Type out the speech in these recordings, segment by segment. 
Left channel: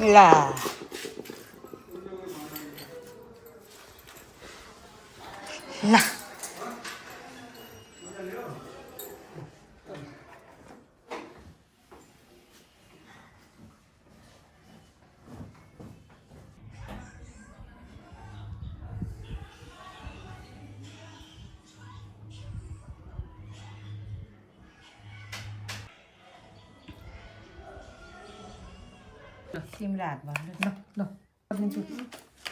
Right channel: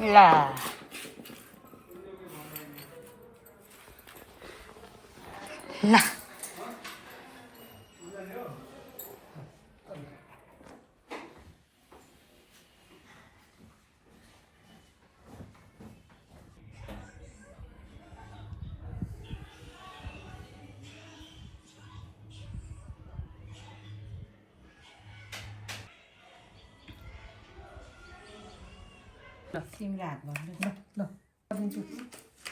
ला ला सिमरात भन्नु ल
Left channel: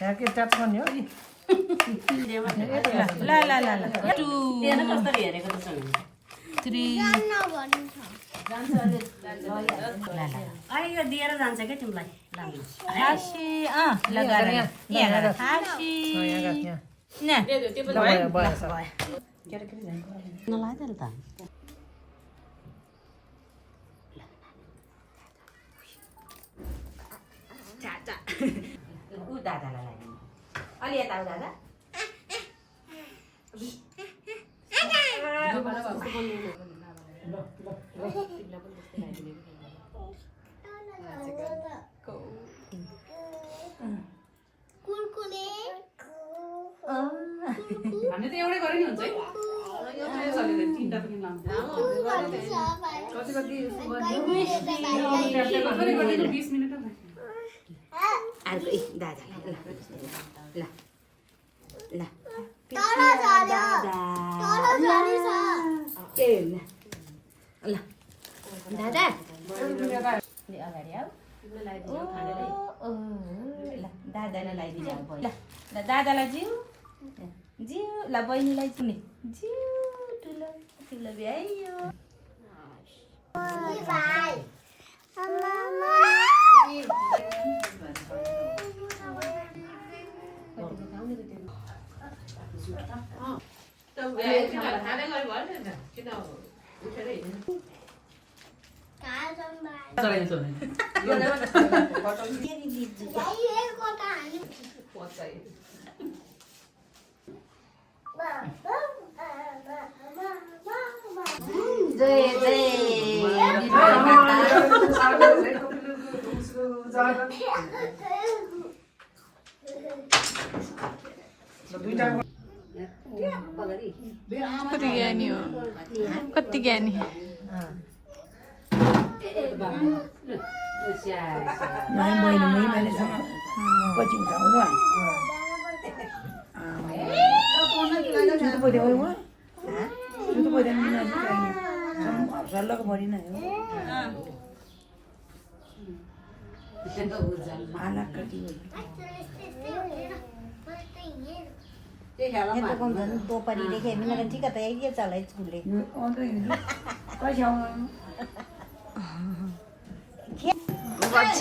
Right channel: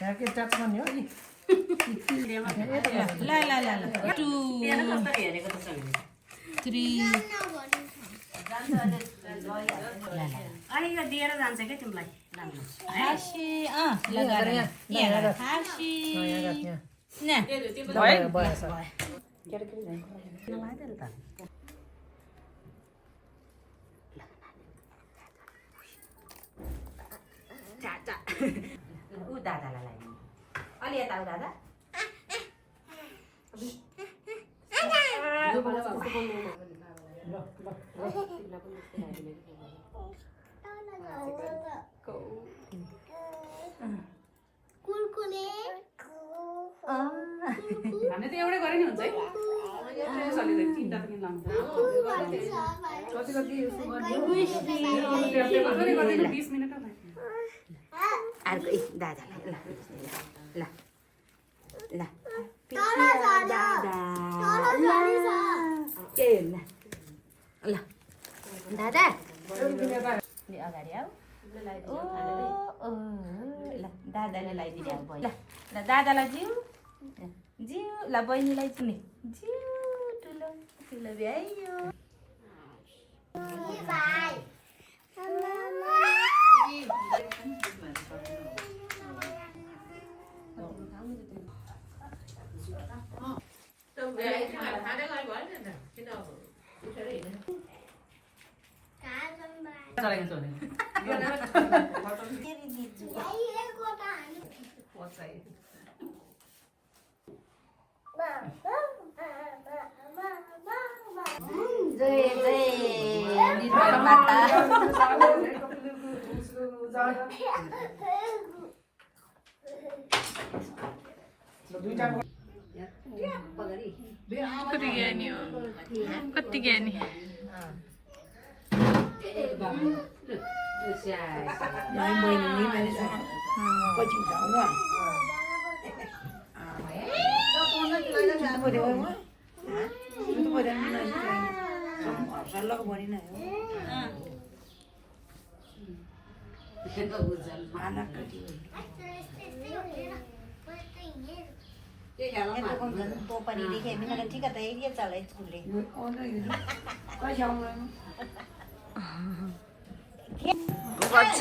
यहाँ के ट्याप गर्ने हो नि ल ल ल ल 2 3 यो दिएर जान्छ क्या तिमीलाई खासी लगा यहाँ खासी न भयो भयो सर नलाग्यो नि त ऊ दादालाई लगाइदिनु अलि यता ऊ दादा भन्ने त एउटै गरे नि हुन्छ है एउटै चलेर तीनटा पनि लाउँछ कति गर्दैन 20 मिनेट अर्को दादालाई ल ल ए ल ल दादा अगाडि आऊ ल दादालाई लगाइदिनु ल ल दादालाई जिउ जिउ ल बहिनीलाई चिने जिउ ठुलो ठुलो भ्याइयो चलाइन्छ भने जय जय निर्मल माता कति ज्ञानी गर्छ